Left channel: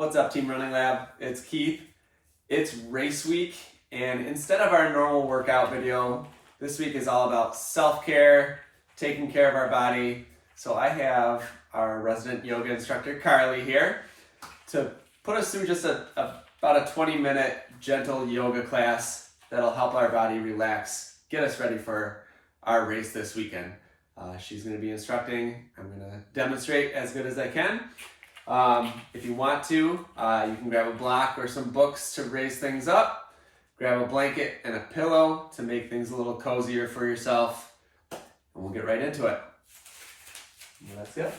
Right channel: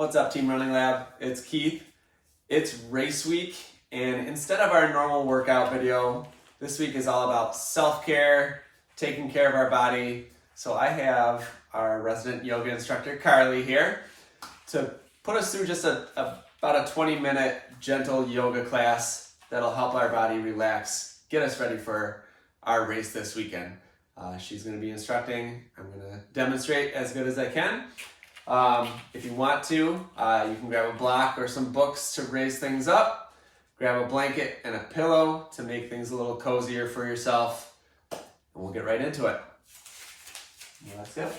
What's up, Team Running Lab? It's Keith. It's race week, and instead of our normal workout video, this week is all about self-care, taking care of our body. So I have our resident yoga instructor, Carly, here to put us through just about a 20-minute gentle yoga class that'll help our body relax, get us ready for our race this weekend. She's going to be instructing. I'm going to demonstrate as good as I can. If you want to, you can grab a block or some books to raise things up. Grab a blanket and a pillow to make things a little cozier for yourself. And we'll get right into it. Let's go.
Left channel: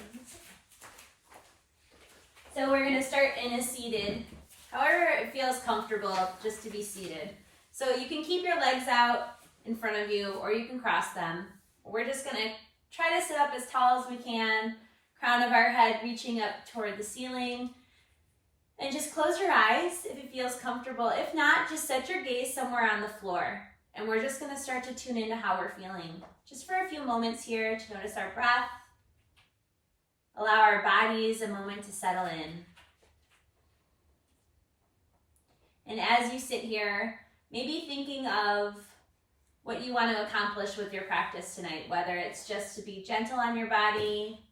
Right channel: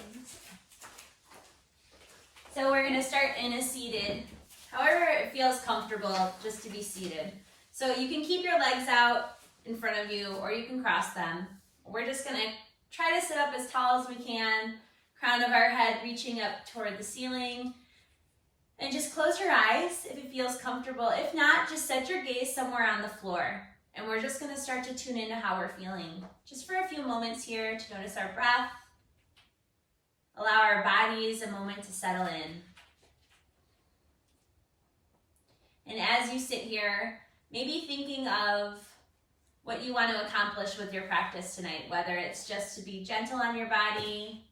So we're going to start in a seated, however it feels comfortable just to be seated. So you can keep your legs out in front of you or you can cross them. We're just going to try to sit up as tall as we can, crown of our head reaching up toward the ceiling. And just close your eyes if it feels comfortable. If not, just set your gaze somewhere on the floor. And we're just going to start to tune into how we're feeling. Just for a few moments here to notice our breath. Allow our bodies a moment to settle in. And as you sit here, maybe thinking of what you want to accomplish with your practice tonight, whether it's just to be gentle on your body,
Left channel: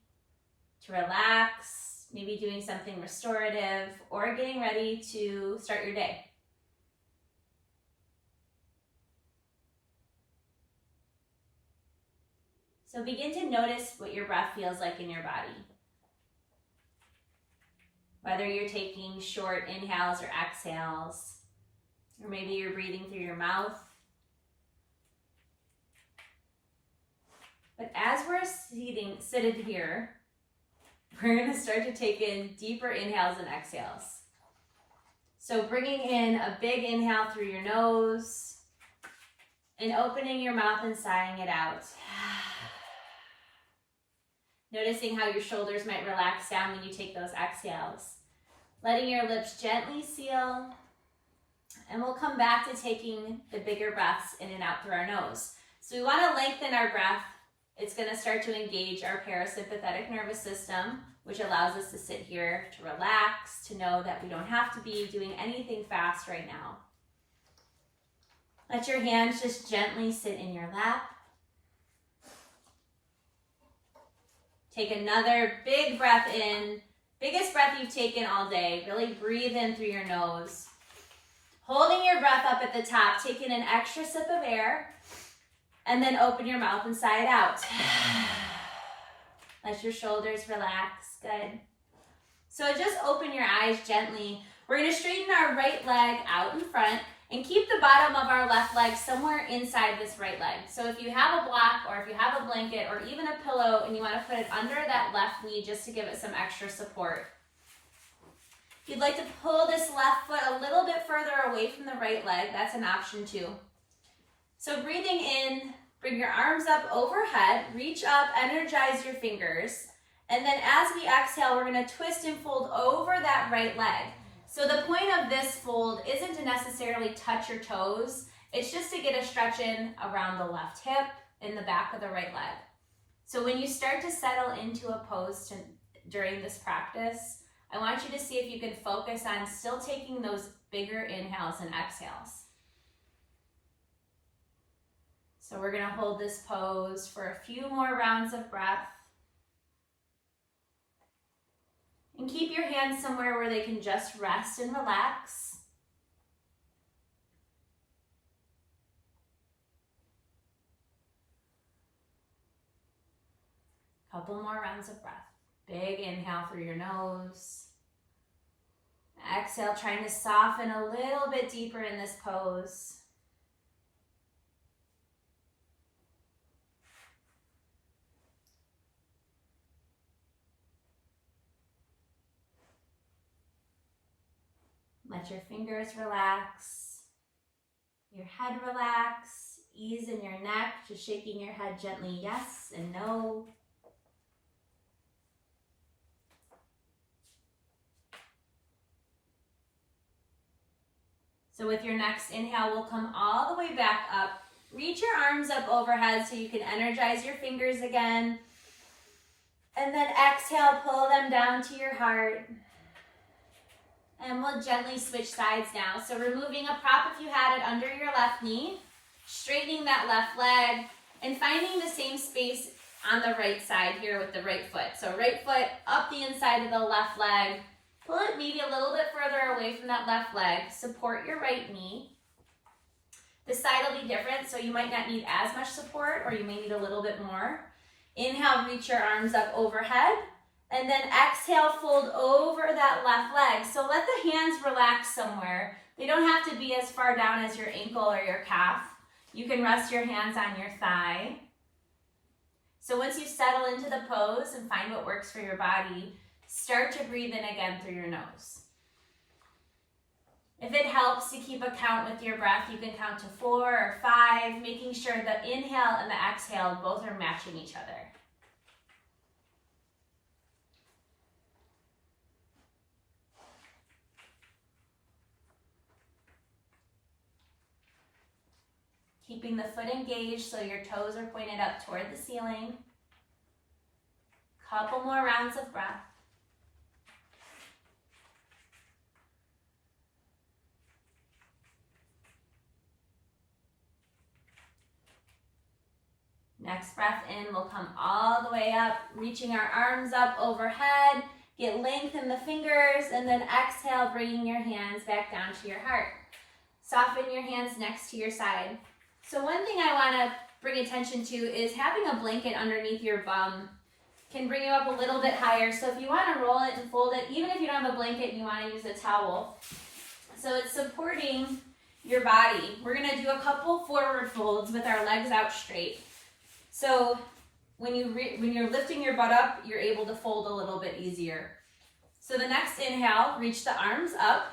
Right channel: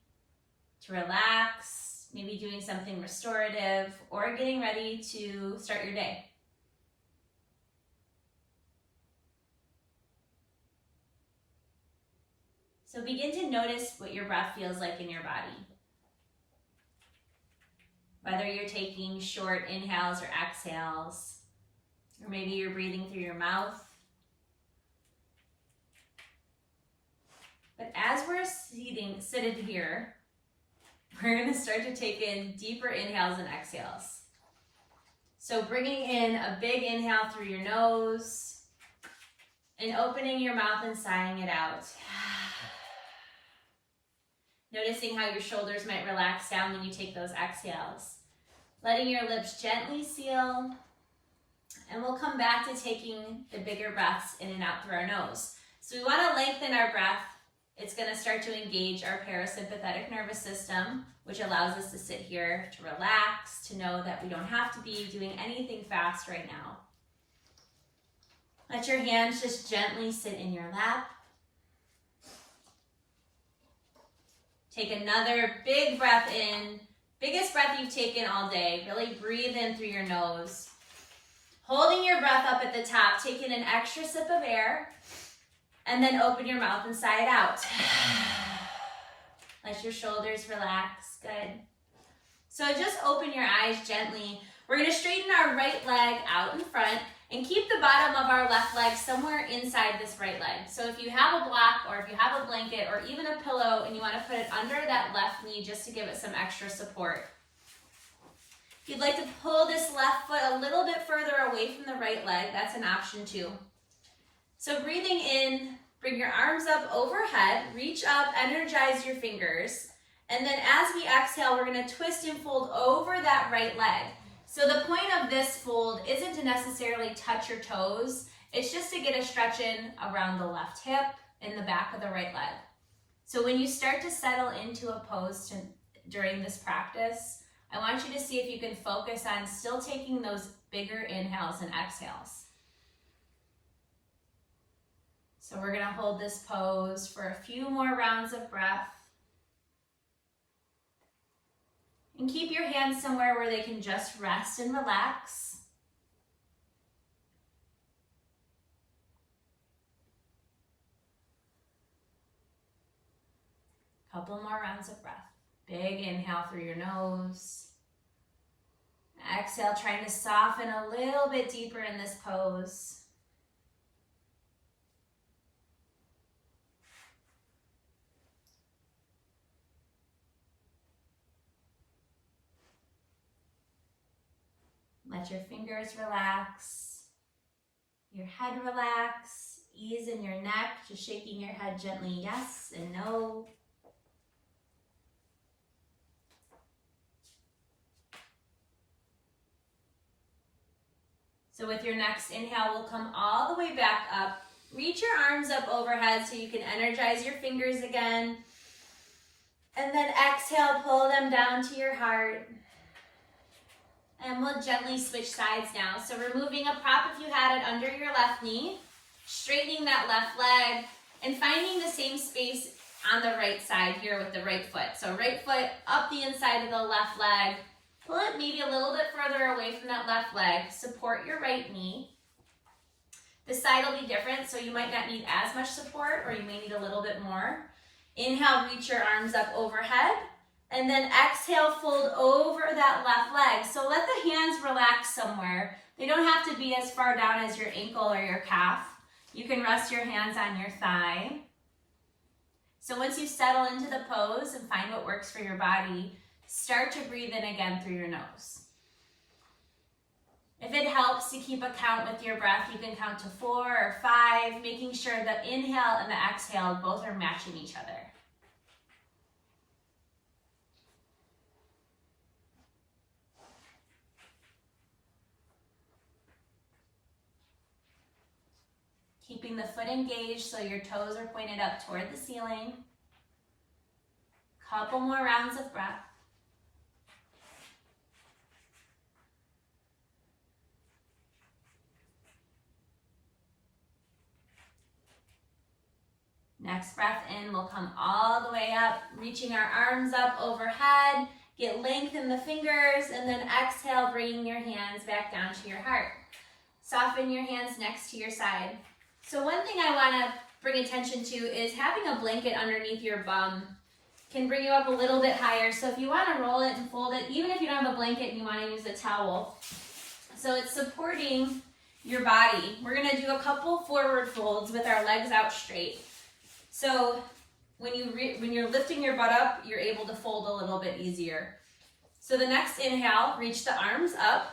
to relax, maybe doing something restorative, or getting ready to start your day. So begin to notice what your breath feels like in your body. Whether you're taking short inhales or exhales, or maybe you're breathing through your mouth. But as we're seated here, we're going to start to take in deeper inhales and exhales. So bringing in a big inhale through your nose and opening your mouth and sighing it out. Noticing how your shoulders might relax down when you take those exhales. Letting your lips gently seal. And we'll come back to taking the bigger breaths in and out through our nose. So we want to lengthen our breath. It's going to start to engage our parasympathetic nervous system, which allows us to sit here, to relax, to know that we don't have to be doing anything fast right now. Let your hands just gently sit in your lap. Take another big breath in, biggest breath you've taken all day. Really breathe in through your nose. Holding your breath up at the top, taking an extra sip of air. And then open your mouth and sigh it out. Let your shoulders relax. Good. So just open your eyes gently. We're going to straighten our right leg out in front and keep the bottom of our left leg somewhere inside this right leg. So if you have a block or if you have a blanket or even a pillow and you want to put it under that left knee just to give it some extra support. If you'd like to pull this left foot a little bit further away from the right leg, that's an option too. So breathing in, bring your arms up overhead, reach up, energize your fingers. And then as we exhale, we're going to twist and fold over that right leg. So the point of this fold isn't to necessarily touch your toes. It's just to get a stretch in around the left hip and the back of the right leg. So when you start to settle into a pose during this practice, I want you to see if you can focus on still taking those bigger inhales and exhales. So we're going to hold this pose for a few more rounds of breath. And keep your hands somewhere where they can just rest and relax. Couple more rounds of breath. Big inhale through your nose. Exhale, trying to soften a little bit deeper in this pose. Let your fingers relax, your head relax, ease in your neck, just shaking your head gently, yes and no. So with your next inhale, we'll come all the way back up. Reach your arms up overhead so you can energize your fingers again. And then exhale, pull them down to your heart. And we'll gently switch sides now. So removing a prop if you had it under your left knee, straightening that left leg, and finding the same space on the right side here with the right foot. So right foot up the inside of the left leg, pull it maybe a little bit further away from that left leg, support your right knee. The side will be different, so you might not need as much support or you may need a little bit more. Inhale, reach your arms up overhead. And then exhale, fold over that left leg. So let the hands relax somewhere. They don't have to be as far down as your ankle or your calf. You can rest your hands on your thigh. So once you settle into the pose and find what works for your body, start to breathe in again through your nose. If it helps to keep a count with your breath, you can count to 4 or 5, making sure the inhale and the exhale both are matching each other. Keeping the foot engaged so your toes are pointed up toward the ceiling. Couple more rounds of breath. Next breath in, we'll come all the way up, reaching our arms up overhead. Get length in the fingers, and then exhale, bringing your hands back down to your heart. Soften your hands next to your side. So one thing I want to bring attention to is having a blanket underneath your bum can bring you up a little bit higher. So if you want to roll it and fold it, even if you don't have a blanket and you want to use a towel. So it's supporting your body. We're going to do a couple forward folds with our legs out straight. So when you're lifting your butt up, you're able to fold a little bit easier. So the next inhale, reach the arms up.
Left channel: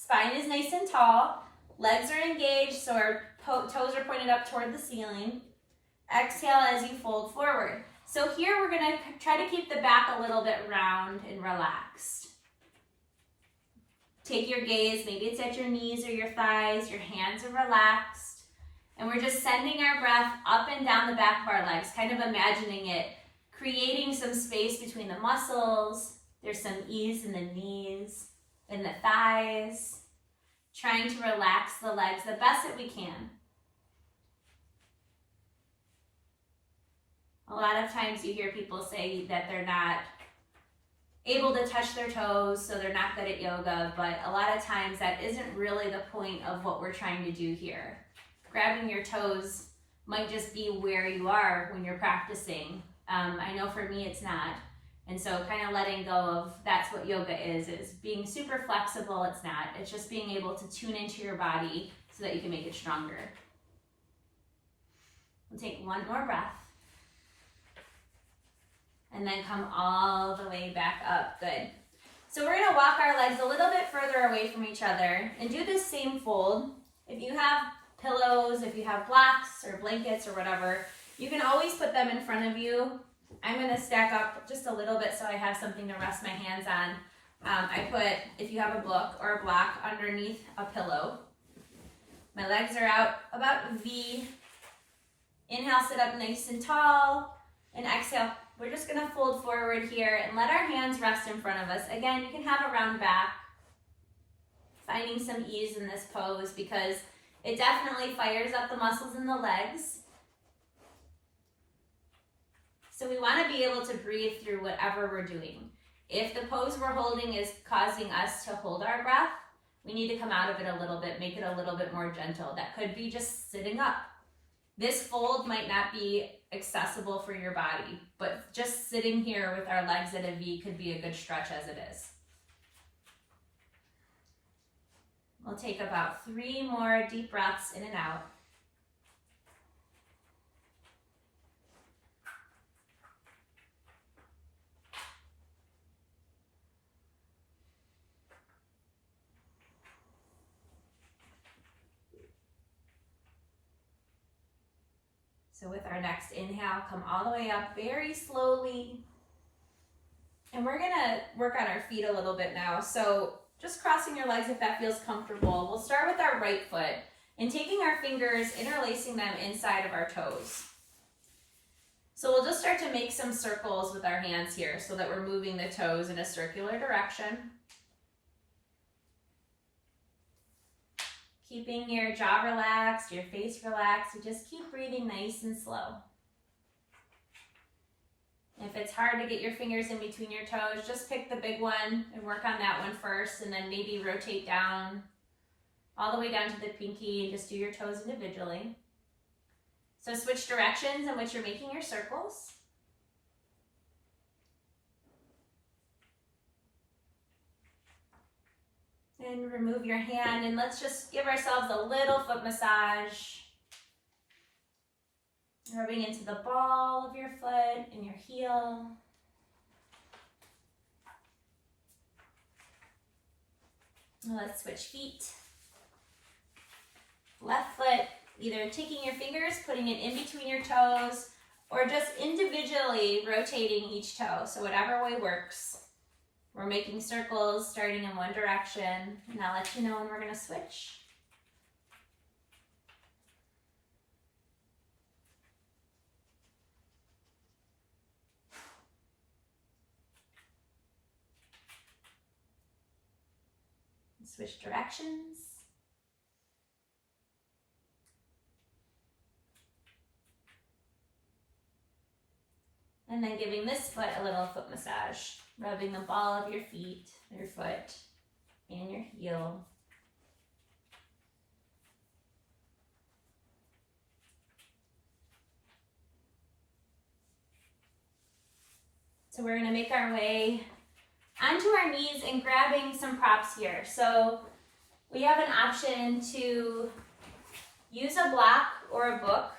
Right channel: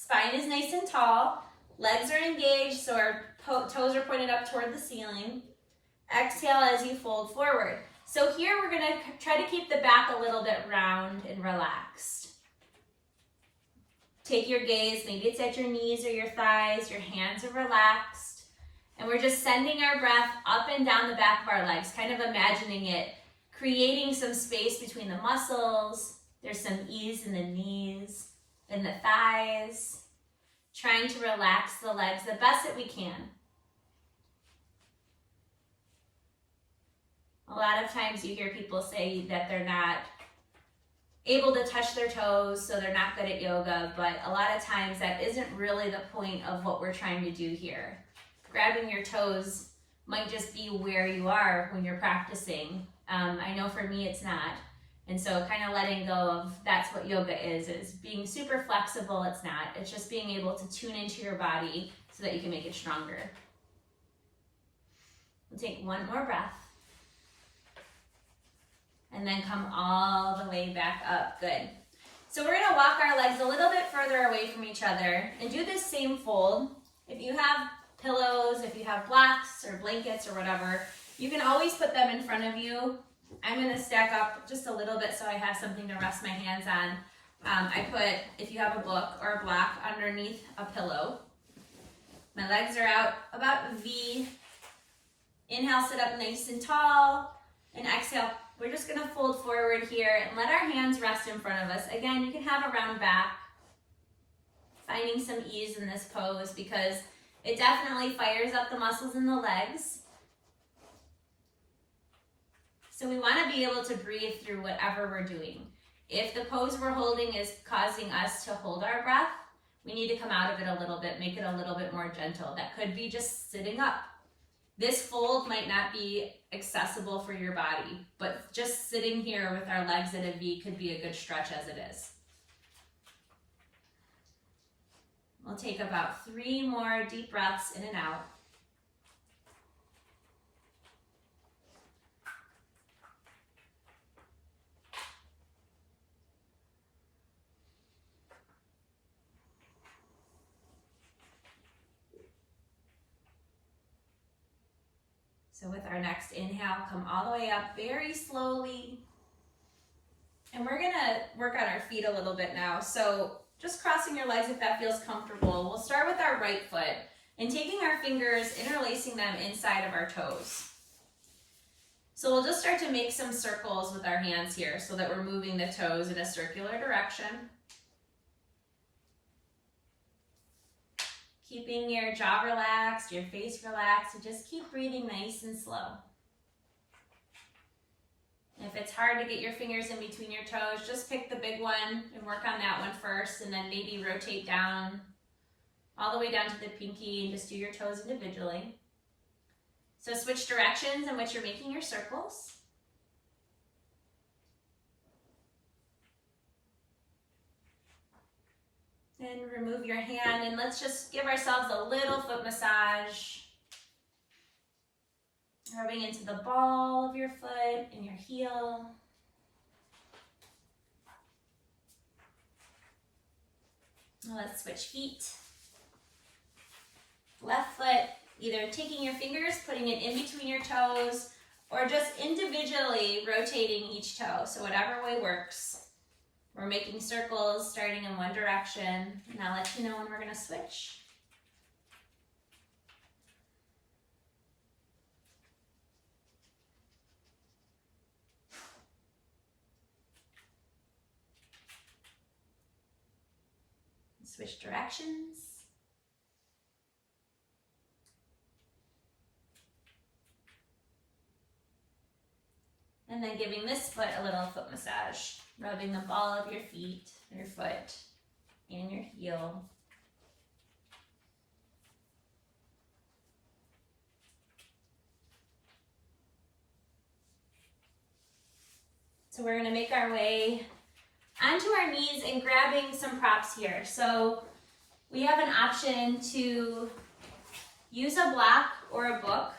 Spine is nice and tall. Legs are engaged, so our toes are pointed up toward the ceiling. Exhale as you fold forward. So here we're going to try to keep the back a little bit round and relaxed. Take your gaze, maybe it's at your knees or your thighs, your hands are relaxed. And we're just sending our breath up and down the back of our legs, kind of imagining it, creating some space between the muscles. There's some ease in the knees and the thighs. Trying to relax the legs the best that we can. A lot of times you hear people say that they're not able to touch their toes, so they're not good at yoga, but a lot of times that isn't really the point of what we're trying to do here. Grabbing your toes might just be where you are when you're practicing. I know for me it's not. And so kind of letting go of that's what yoga is being super flexible. It's not. It's just being able to tune into your body so that you can make it stronger. We'll take one more breath. And then come all the way back up. Good. So we're going to walk our legs a little bit further away from each other and do this same fold. If you have pillows, if you have blocks or blankets or whatever, you can always put them in front of you. I'm going to stack up just a little bit so I have something to rest my hands on. I put, if you have a book or a block, underneath a pillow. My legs are out about V. Inhale, sit up nice and tall. And exhale, we're just going to fold forward here and let our hands rest in front of us. Again, you can have a round back. Finding some ease in this pose because it definitely fires up the muscles in the legs. So we want to be able to breathe through whatever we're doing. If the pose we're holding is causing us to hold our breath, we need to come out of it a little bit, make it a little bit more gentle. That could be just sitting up. This fold might not be accessible for your body, but just sitting here with our legs at a V could be a good stretch as it is. We'll take about 3 more deep breaths in and out. So with our next inhale, come all the way up very slowly. And we're gonna work on our feet a little bit now. So just crossing your legs if that feels comfortable. We'll start with our right foot and taking our fingers, interlacing them inside of our toes. So we'll just start to make some circles with our hands here so that we're moving the toes in a circular direction. keeping your jaw relaxed, your face relaxed, and just keep breathing nice and slow. If it's hard to get your fingers in between your toes, just pick the big one and work on that one first, and then maybe rotate down all the way down to the pinky and just do your toes individually. So switch directions in which you're making your circles. And remove your hand, and let's just give ourselves a little foot massage. Rubbing into the ball of your foot and your heel. Now let's switch feet. Left foot, either taking your fingers, putting it in between your toes, or just individually rotating each toe. So whatever way works. We're making circles starting in one direction, and I'll let you know when we're going to switch. Switch directions. And then giving this foot a little foot massage, rubbing the ball of your feet, your foot, and your heel. So we're going to make our way onto our knees and grabbing some props here. So we have an option to use a block or a book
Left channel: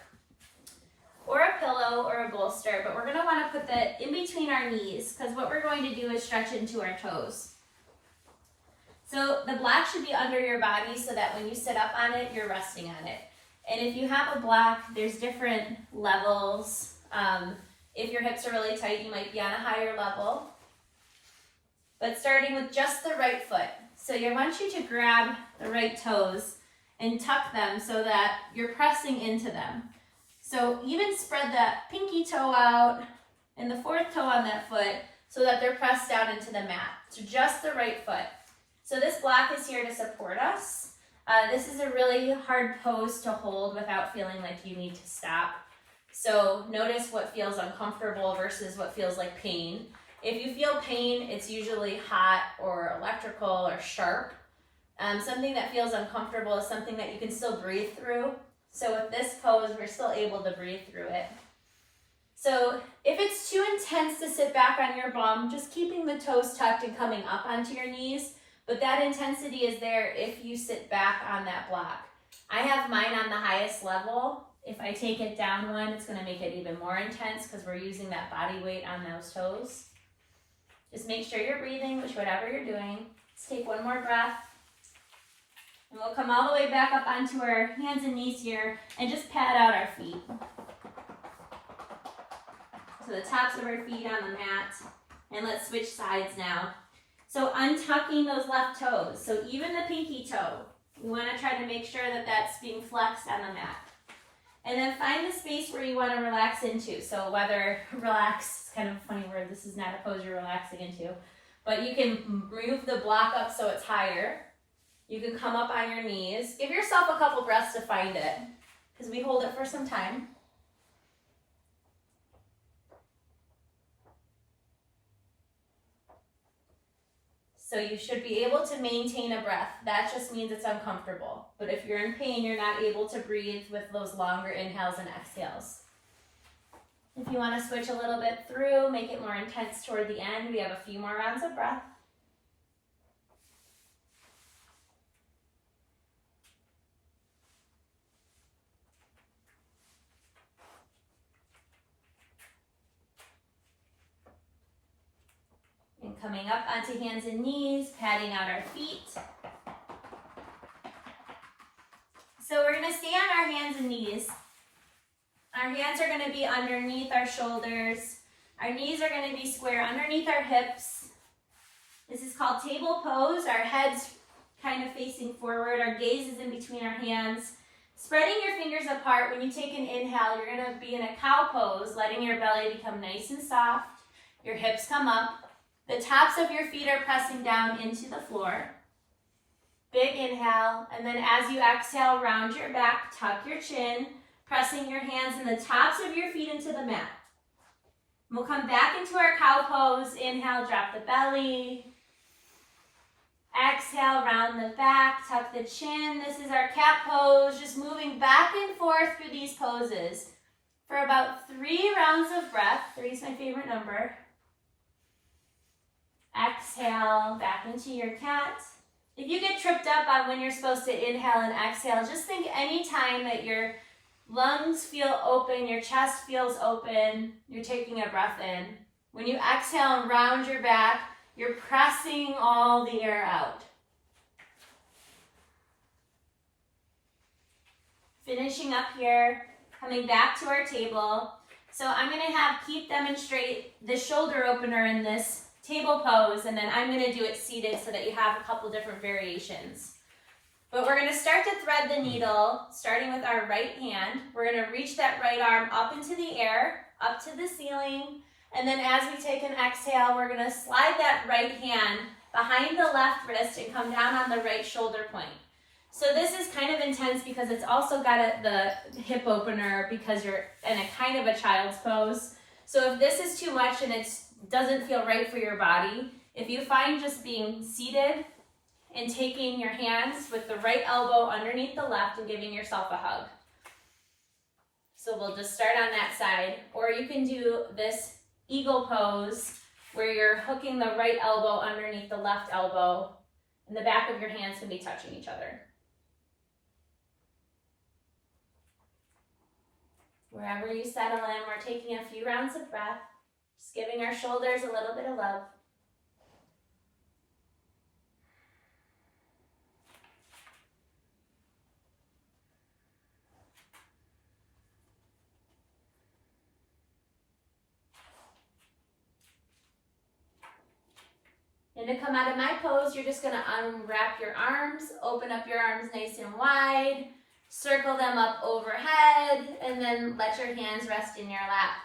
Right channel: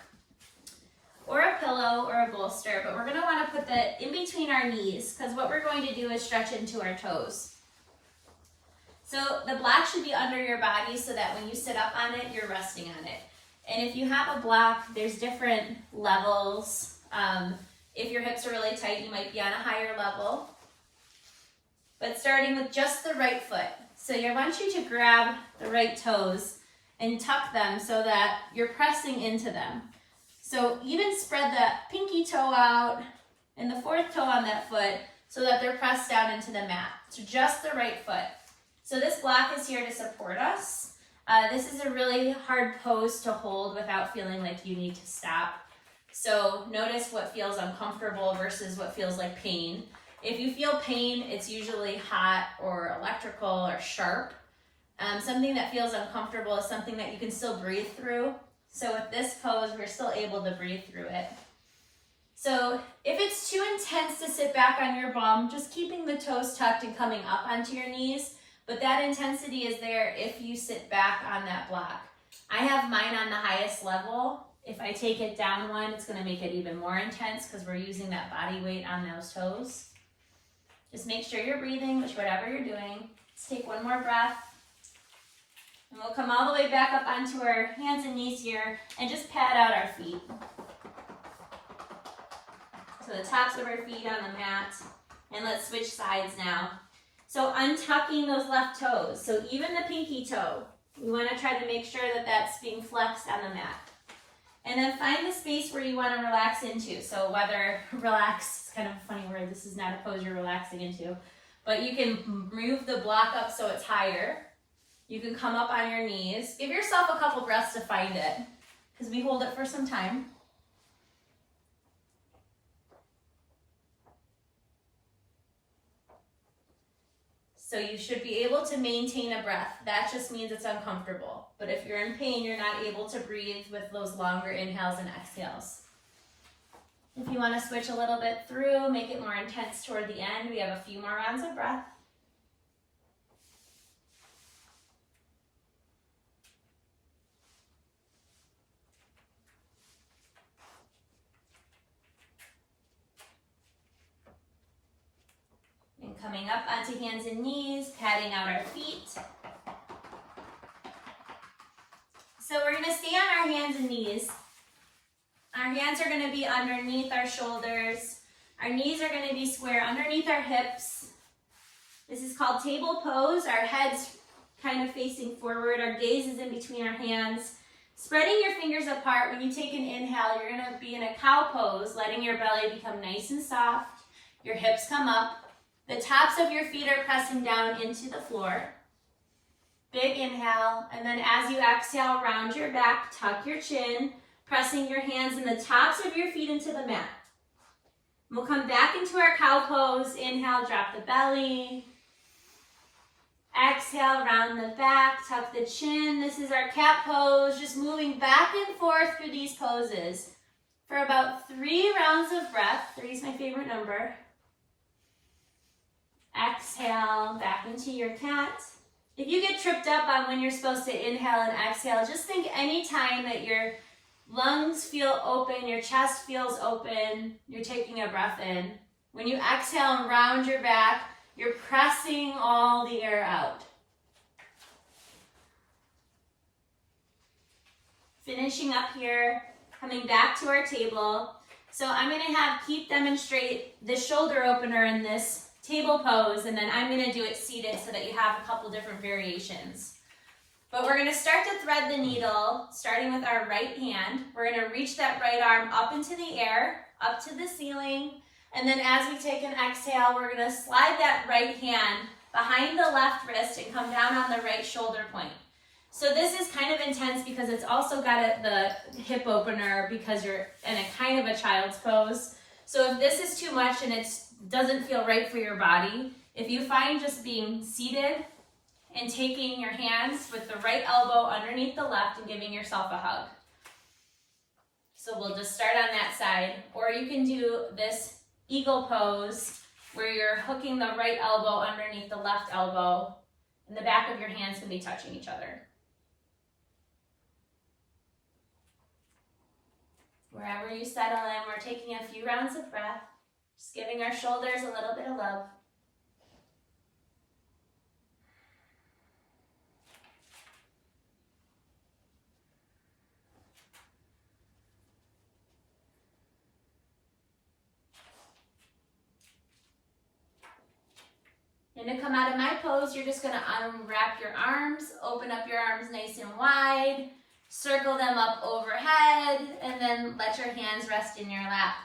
or a pillow or a bolster, but we're going to want to put that in between our knees because what we're going to do is stretch into our toes. So the block should be under your body so that when you sit up on it, you're resting on it. And if you have a block, there's different levels. If your hips are really tight, you might be on a higher level. But starting with just the right foot. So I want you to grab the right toes and tuck them so that you're pressing into them. So even spread that pinky toe out and the fourth toe on that foot so that they're pressed down into the mat. So just the right foot. So this block is here to support us. This is a really hard pose to hold without feeling like you need to stop. So notice what feels uncomfortable versus what feels like pain. If you feel pain, it's usually hot or electrical or sharp. Something that feels uncomfortable is something that you can still breathe through. So with this pose, we're still able to breathe through it. So if it's too intense to sit back on your bum, just keeping the toes tucked and coming up onto your knees. But that intensity is there if you sit back on that block. I have mine on the highest level. If I take it down one, it's going to make it even more intense because we're using that body weight on those toes. Just make sure you're breathing, whatever you're doing. Let's take one more breath. And we'll come all the way back up onto our hands and knees here and just pat out our feet. So the tops of our feet on the mat. And let's switch sides now. So untucking those left toes. So even the pinky toe, you want to try to make sure that that's being flexed on the mat. And then find the space where you want to relax into. So whether relax, it's kind of a funny word, this is not a pose you're relaxing into. But you can move the block up so it's higher. You can come up on your knees. Give yourself a couple breaths to find it, because we hold it for some time. So you should be able to maintain a breath. That just means it's uncomfortable. But if you're in pain, you're not able to breathe with those longer inhales and exhales. If you want to switch a little bit through, make it more intense toward the end, we have a few more rounds of breath. And coming up onto hands and knees, patting out our feet. So we're going to stay on our hands and knees. Our hands are going to be underneath our shoulders. Our knees are going to be square underneath our hips. This is called table pose. Our head's kind of facing forward. Our gaze is in between our hands. Spreading your fingers apart. When you take an inhale, you're going to be in a cow pose, letting your belly become nice and soft. Your hips come up. The tops of your feet are pressing down into the floor. big inhale, and then as you exhale, round your back, tuck your chin, pressing your hands and the tops of your feet into the mat. We'll come back into our cow pose. Inhale, drop the belly. Exhale, round the back, tuck the chin. This is our cat pose, just moving back and forth through these poses for about 3 rounds of breath. 3 is my favorite number. Exhale, back into your cat. If you get tripped up on when you're supposed to inhale and exhale, just think any time that your lungs feel open, your chest feels open, you're taking a breath in. When you exhale and round your back, you're pressing all the air out. Finishing up here, coming back to our table. So I'm going to keep demonstrate the shoulder opener in this table pose, and then I'm going to do it seated so that you have a couple different variations. But we're going to start to thread the needle, starting with our right hand. We're going to reach that right arm up into the air, up to the ceiling, and then as we take an exhale, we're going to slide that right hand behind the left wrist and come down on the right shoulder point. So this is kind of intense because it's also got the hip opener because you're in a kind of a child's pose. So if this is too much and it doesn't feel right for your body, if you find just being seated and taking your hands with the right elbow underneath the left and giving yourself a hug. So we'll just start on that side, or you can do this eagle pose where you're hooking the right elbow underneath the left elbow and the back of your hands can be touching each other. Wherever you settle in, we're taking a few rounds of breath, just giving our shoulders a little bit of love. And to come out of my pose, you're just going to unwrap your arms, open up your arms nice and wide, circle them up overhead, and then let your hands rest in your lap.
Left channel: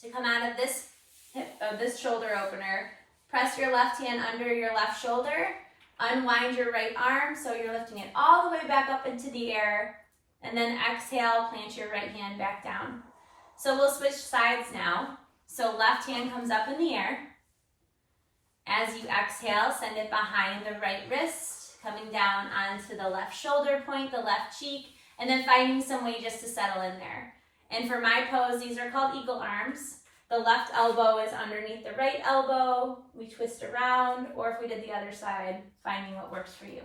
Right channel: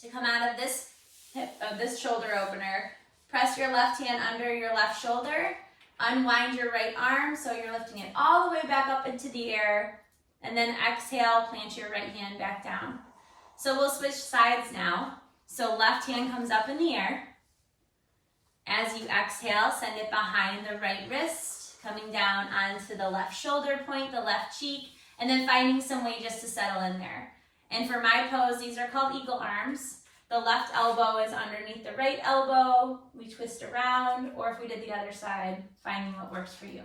To come out of this shoulder opener, press your left hand under your left shoulder, unwind your right arm so you're lifting it all the way back up into the air, and then exhale, plant your right hand back down. So we'll switch sides now. So left hand comes up in the air. As you exhale, send it behind the right wrist, coming down onto the left shoulder point, the left cheek, and then finding some way just to settle in there. And for my pose, these are called eagle arms. The left elbow is underneath the right elbow. We twist around, or if we did the other side, finding what works for you.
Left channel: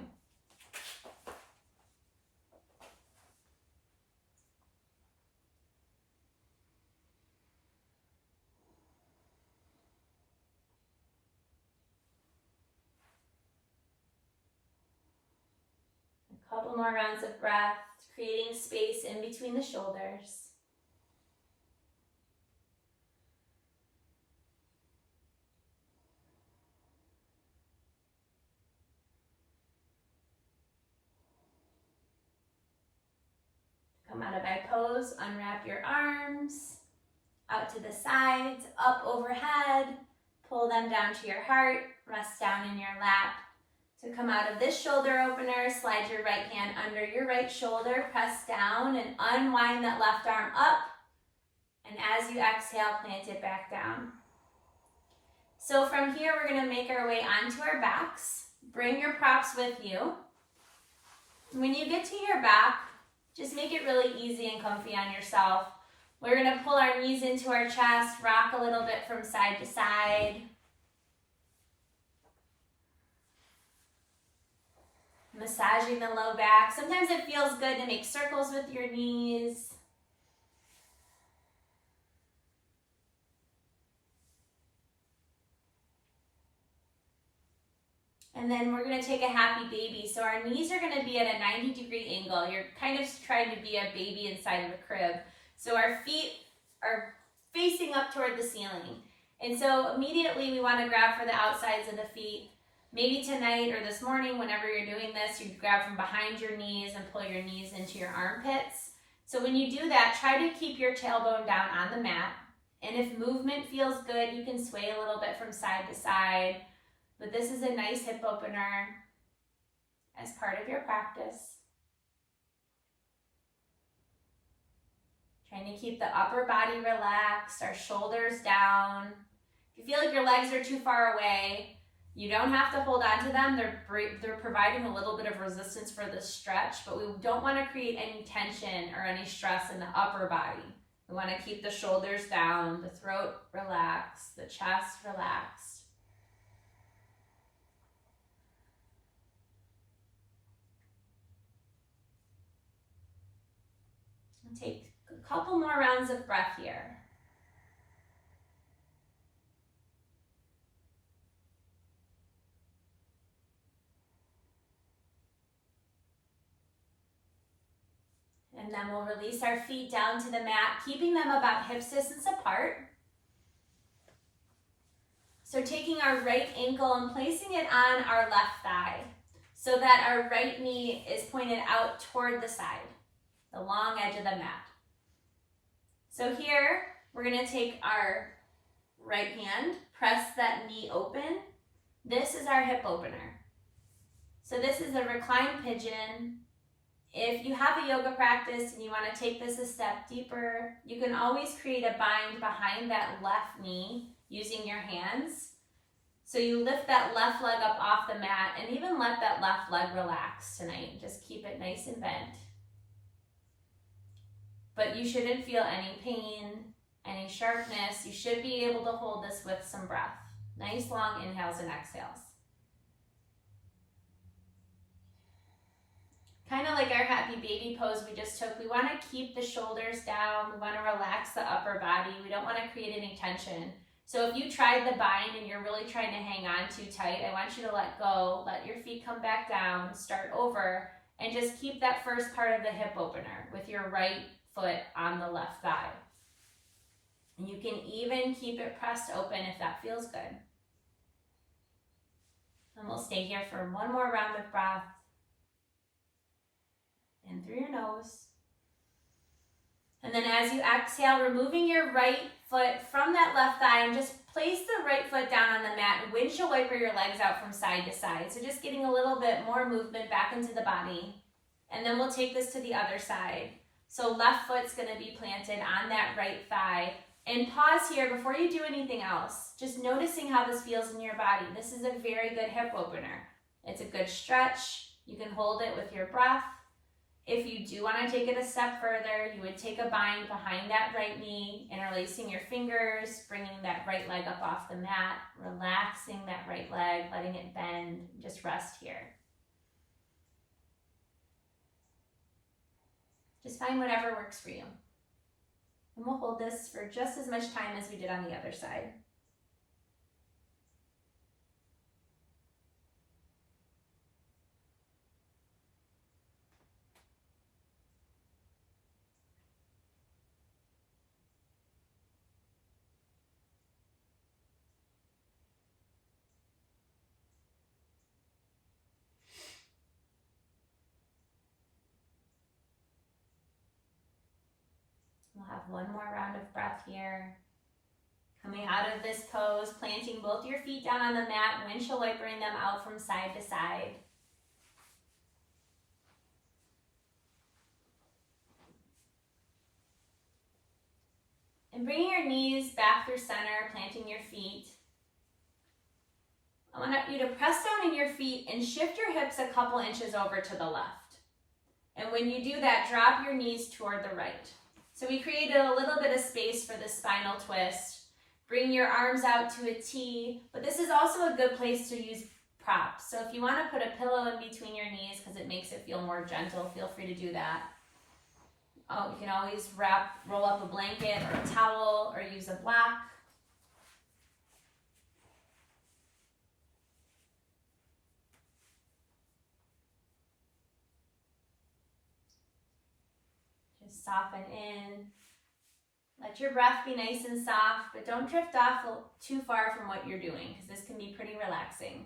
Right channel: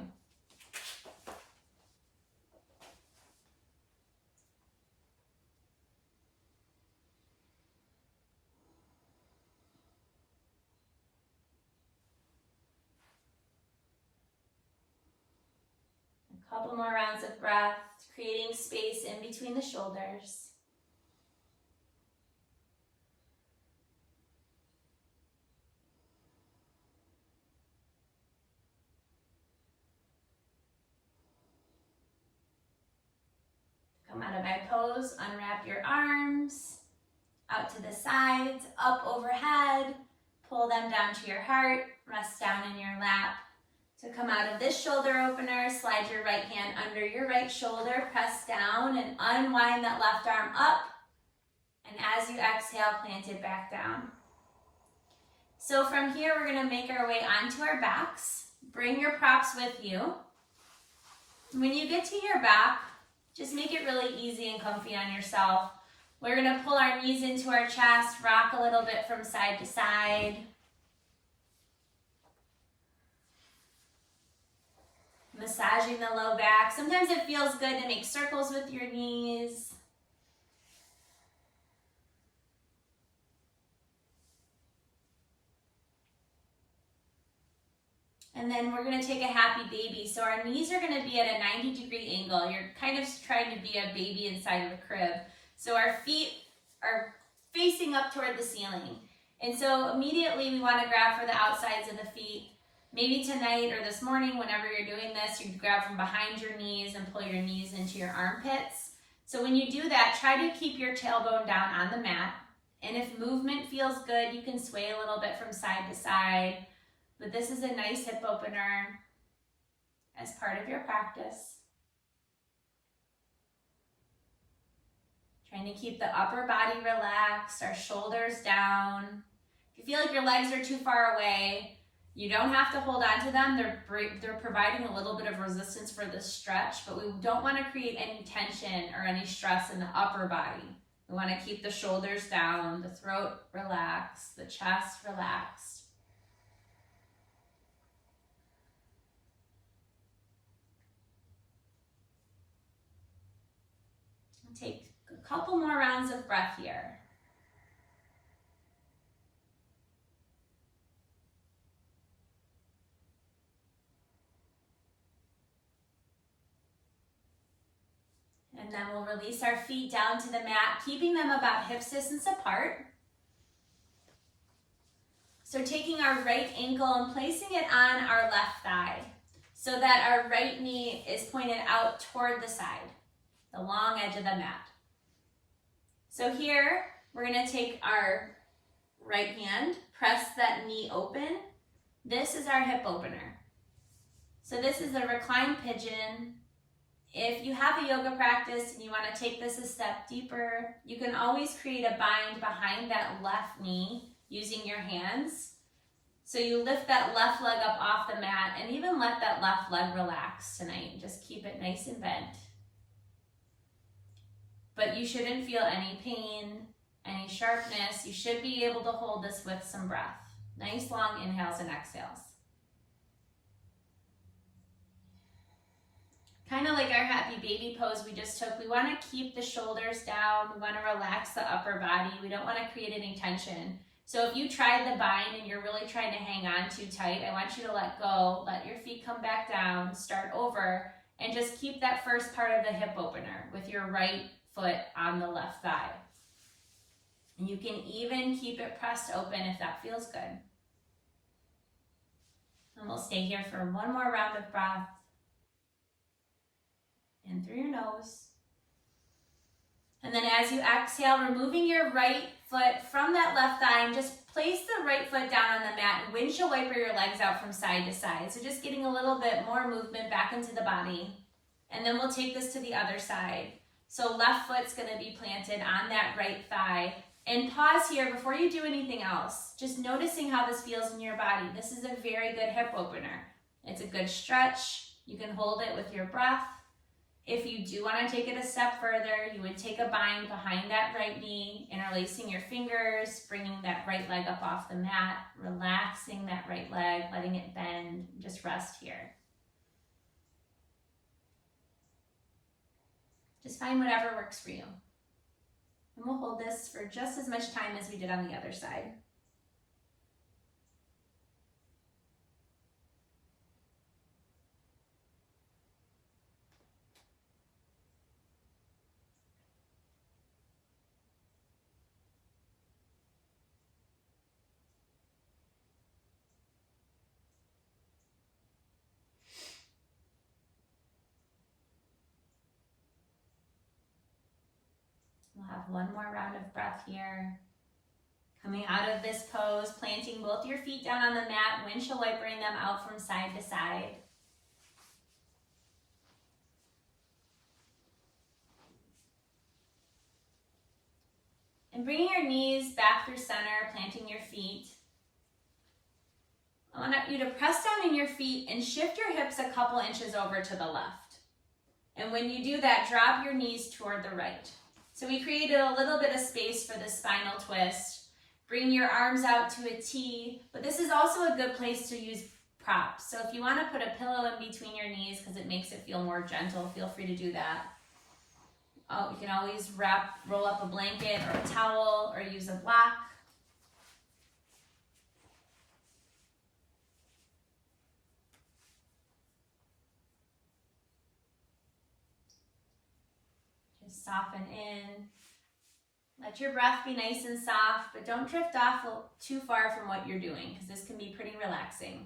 Couple more rounds of breath, creating space in between the shoulders. Come out of my pose, unwrap your arms, out to the sides, up overhead, pull them down to your heart, rest down in your lap. To come out of this shoulder opener, slide your right hand under your right shoulder, press down and unwind that left arm up. And as you exhale, plant it back down. So from here, we're going to make our way onto our backs. Bring your props with you. When you get to your back, just make it really easy and comfy on yourself. We're going to pull our knees into our chest, rock a little bit from side to side. Massaging the low back. Sometimes it feels good to make circles with your knees. And then we're going to take a happy baby. So our knees are going to be at a 90-degree angle. You're kind of trying to be a baby inside of a crib. So our feet are facing up toward the ceiling. And so immediately we want to grab for the outsides of the feet. Maybe tonight or this morning, whenever you're doing this, you grab from behind your knees and pull your knees into your armpits. So when you do that, try to keep your tailbone down on the mat. And if movement feels good, you can sway a little bit from side to side. But this is a nice hip opener. as part of your practice. Trying to keep the upper body relaxed, our shoulders down. If you feel like your legs are too far away, you don't have to hold on to them. They're providing a little bit of resistance for this stretch, but we don't want to create any tension or any stress in the upper body. We want to keep the shoulders down, the throat relaxed, the chest relaxed. And take a couple more rounds of breath here. And then we'll release our feet down to the mat, keeping them about hip distance apart. So taking our right ankle and placing it on our left thigh so that our right knee is pointed out toward the side, the long edge of the mat. So here, we're gonna take our right hand, press that knee open. This is our hip opener. So this is a reclined pigeon. If you have a yoga practice and you want to take this a step deeper, you can always create a bind behind that left knee using your hands. So you lift that left leg up off the mat and even let that left leg relax tonight. Just keep it nice and bent. But you shouldn't feel any pain, any sharpness. You should be able to hold this with some breath. Nice long inhales and exhales. Kind of like our happy baby pose we just took, we want to keep the shoulders down. We want to relax the upper body. We don't want to create any tension. So if you tried the bind and you're really trying to hang on too tight, I want you to let go, let your feet come back down, start over, and just keep that first part of the hip opener with your right foot on the left thigh. And you can even keep it pressed open if that feels good. And we'll stay here for one more round of breath. In through your nose. And then as you exhale, removing your right foot from that left thigh and just place the right foot down on the mat and windshield wiper your legs out from side to side. So just getting a little bit more movement back into the body. And then we'll take this to the other side. So left foot's gonna be planted on that right thigh. And pause here before you do anything else. Just noticing how this feels in your body. This is a very good hip opener. It's a good stretch. You can hold it with your breath. If you do want to take it a step further, you would take a bind behind that right knee, interlacing your fingers, bringing that right leg up off the mat, relaxing that right leg, letting it bend, just rest here. Just find whatever works for you. And we'll hold this for just as much time as we did on the other side. We'll have one more round of breath here. Coming out of this pose, planting both your feet down on the mat, windshield wipering them out from side to side. And bringing your knees back through center, planting your feet. I want you to press down in your feet and shift your hips a couple inches over to the left. And when you do that, drop your knees toward the right. So we created a little bit of space for the spinal twist. Bring your arms out to a T, but this is also a good place to use props. So if you want to put a pillow in between your knees because it makes it feel more gentle, feel free to do that. Oh, you can always roll up a blanket or a towel or use a block. Just soften in. Let your breath be nice and soft, but don't drift off too far from what you're doing because this can be pretty relaxing.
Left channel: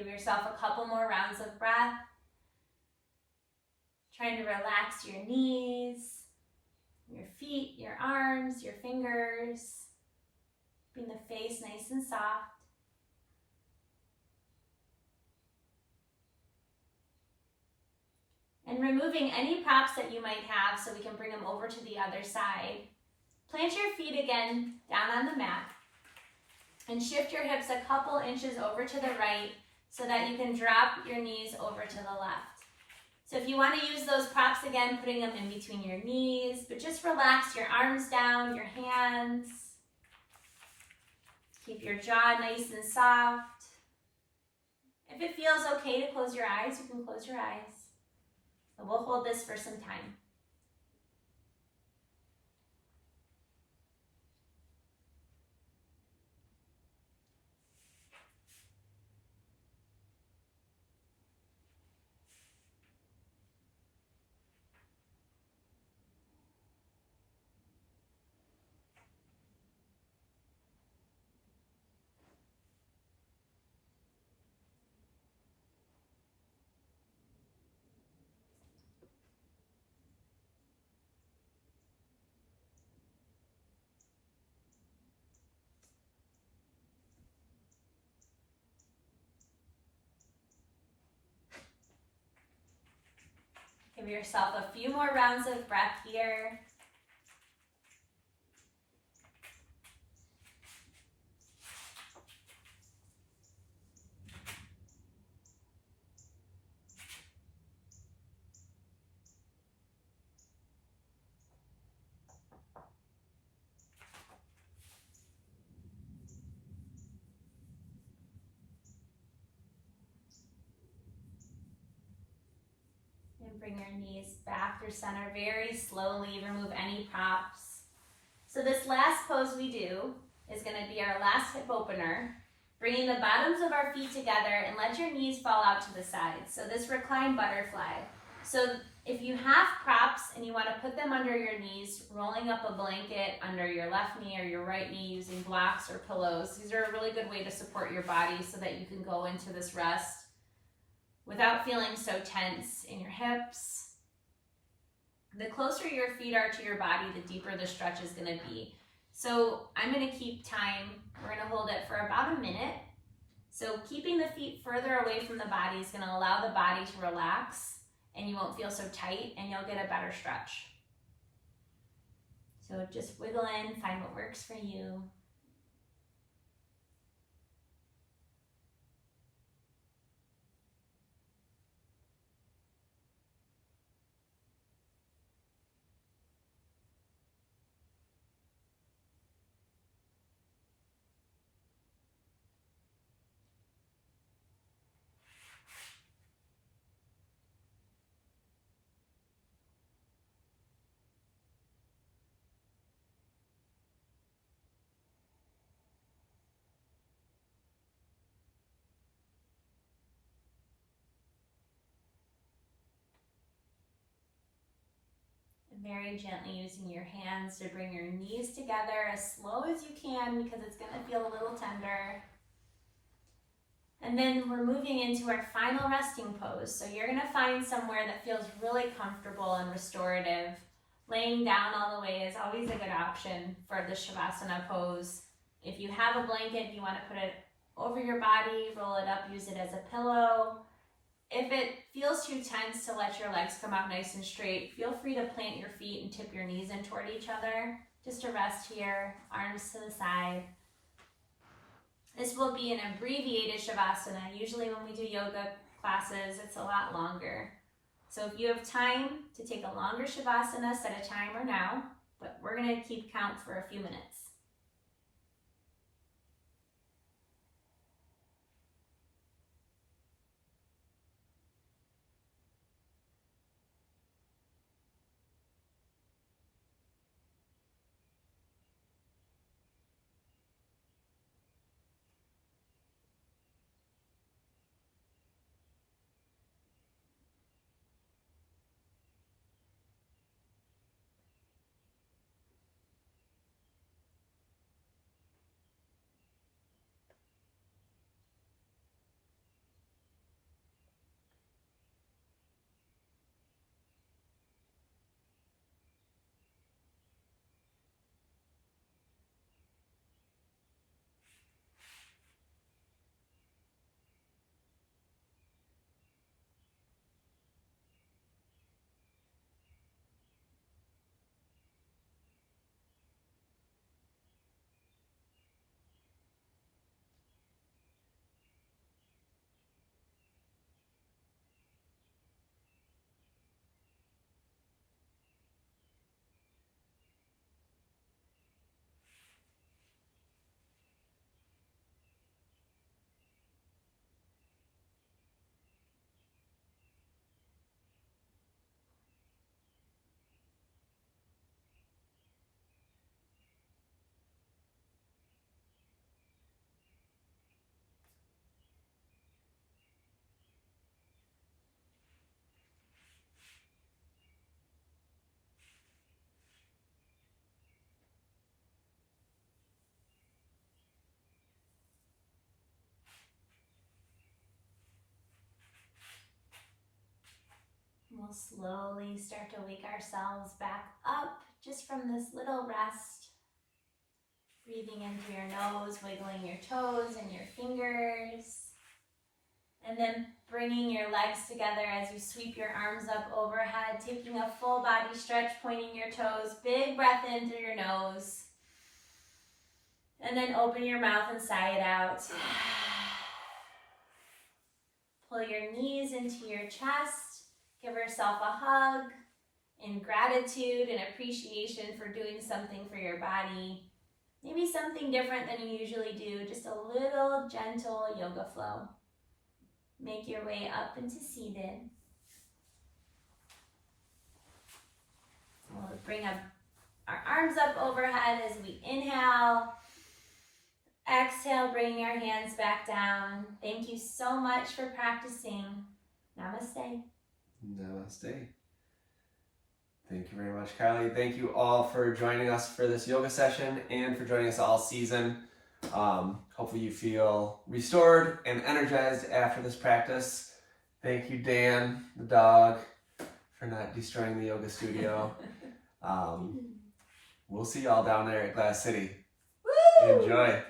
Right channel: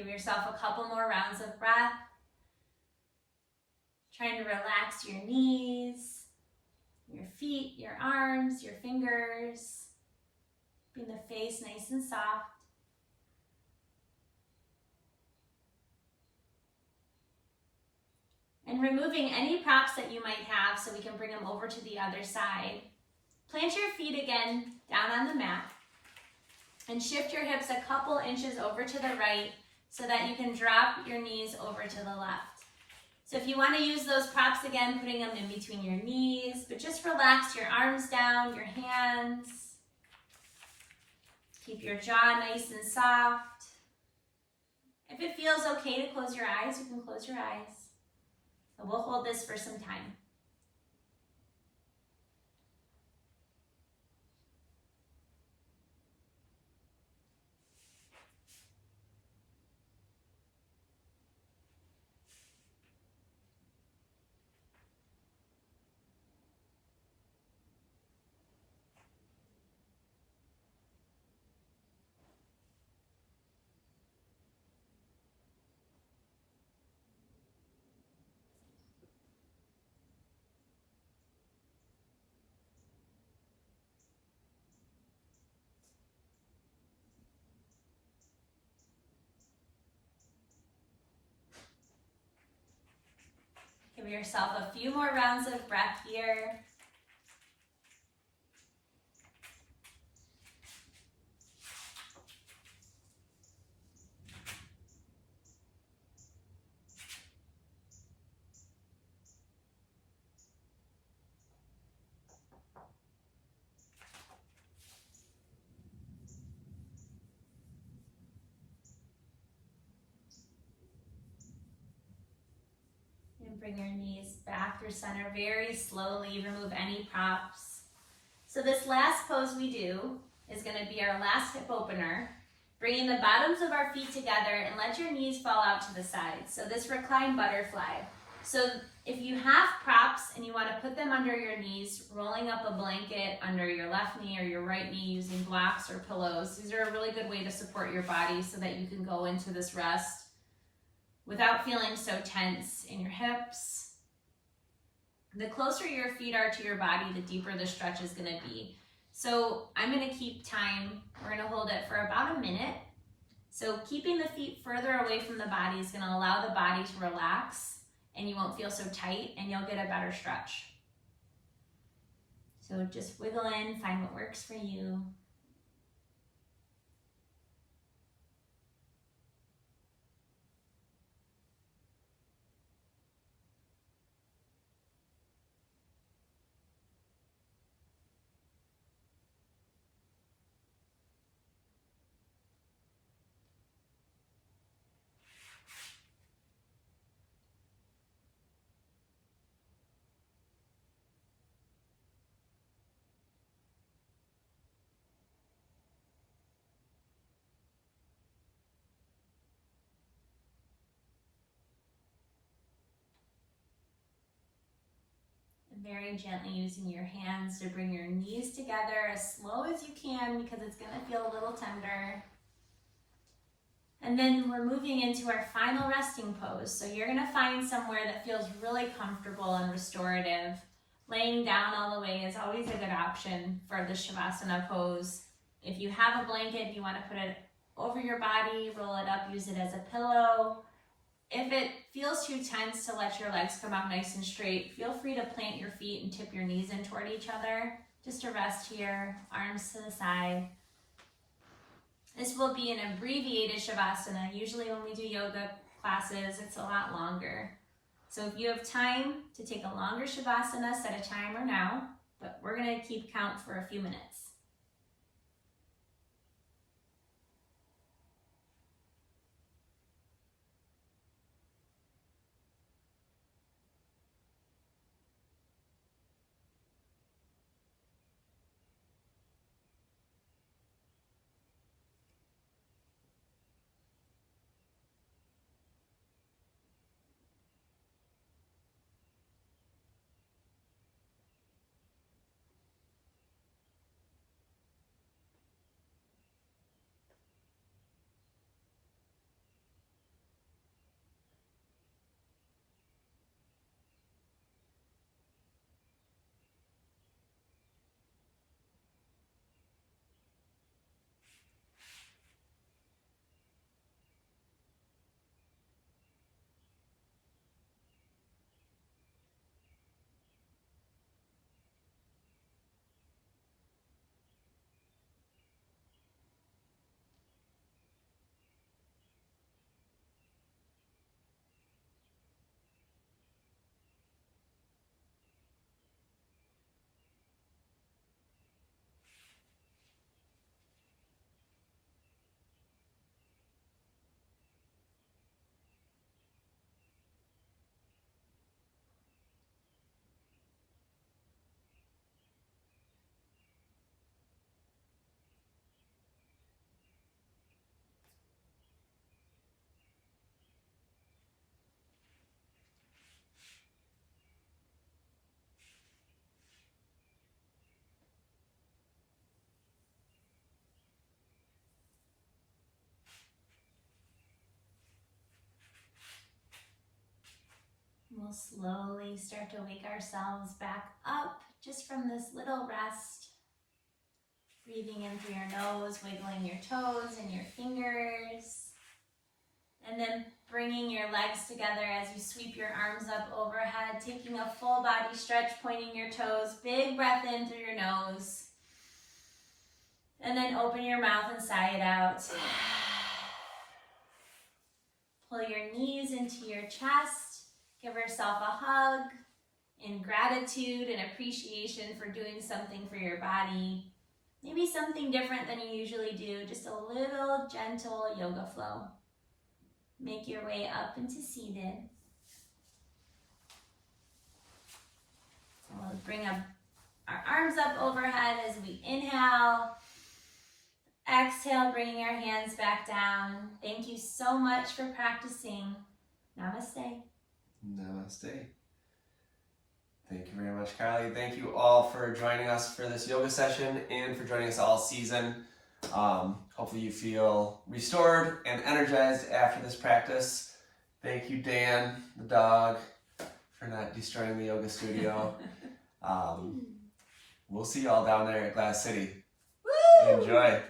Give yourself a couple more rounds of breath. Trying to relax your knees, your feet, your arms, your fingers. Keeping the face nice and soft. And removing any props that you might have so we can bring them over to the other side. Plant your feet again down on the mat and shift your hips a couple inches over to the right so that you can drop your knees over to the left. So if you want to use those props again, putting them in between your knees, but just relax your arms down, your hands. Keep your jaw nice and soft. If it feels okay to close your eyes, you can close your eyes. But we'll hold this for some time. Give yourself a few more rounds of breath here. Bring your knees back through center very slowly. Remove any props. So this last pose we do is going to be our last hip opener. Bringing the bottoms of our feet together and let your knees fall out to the side. So this reclined butterfly. So if you have props and you want to put them under your knees, rolling up a blanket under your left knee or your right knee using blocks or pillows. These are a really good way to support your body so that you can go into this rest without feeling so tense in your hips. The closer your feet are to your body, the deeper the stretch is going to be. So I'm going to keep time. We're going to hold it for about a minute. So keeping the feet further away from the body is going to allow the body to relax and you won't feel so tight and you'll get a better stretch. So just wiggle in, find what works for you. Very gently using your hands to bring your knees together as slow as you can because it's going to feel a little tender. And then we're moving into our final resting pose. So you're going to find somewhere that feels really comfortable and restorative. Laying down all the way is always a good option for the Shavasana pose. If you have a blanket, you want to put it over your body, roll it up, use it as a pillow. If it feels too tense to let your legs come out nice and straight, feel free to plant your feet and tip your knees in toward each other. Just to rest here, arms to the side. This will be an abbreviated Shavasana. Usually when we do yoga classes, it's a lot longer. So if you have time to take a longer Shavasana, set a timer now, but we're going to keep count for a few minutes. We'll slowly start to wake ourselves back up just from this little rest. Breathing in through your nose, wiggling your toes and your fingers. And then bringing your legs together as you sweep your arms up overhead, taking a full body stretch, pointing your toes. Big breath in through your nose. And then open your mouth and sigh it out. Pull your knees into your chest. Give yourself a hug in gratitude and appreciation for doing something for your body. Maybe something different than you usually do, just a little gentle yoga flow. Make your way up into seated. We'll bring up our arms up overhead as we inhale. Exhale, bringing our hands back down. Thank you so much for practicing. Namaste. Namaste. Thank you very much, Carly. Thank you all for joining us for this yoga session and for joining us all season. Hopefully you feel restored and energized after this practice. Thank you, Dan, the dog, for not destroying the yoga studio. We'll see you all down there at Glass City. Woo! Enjoy.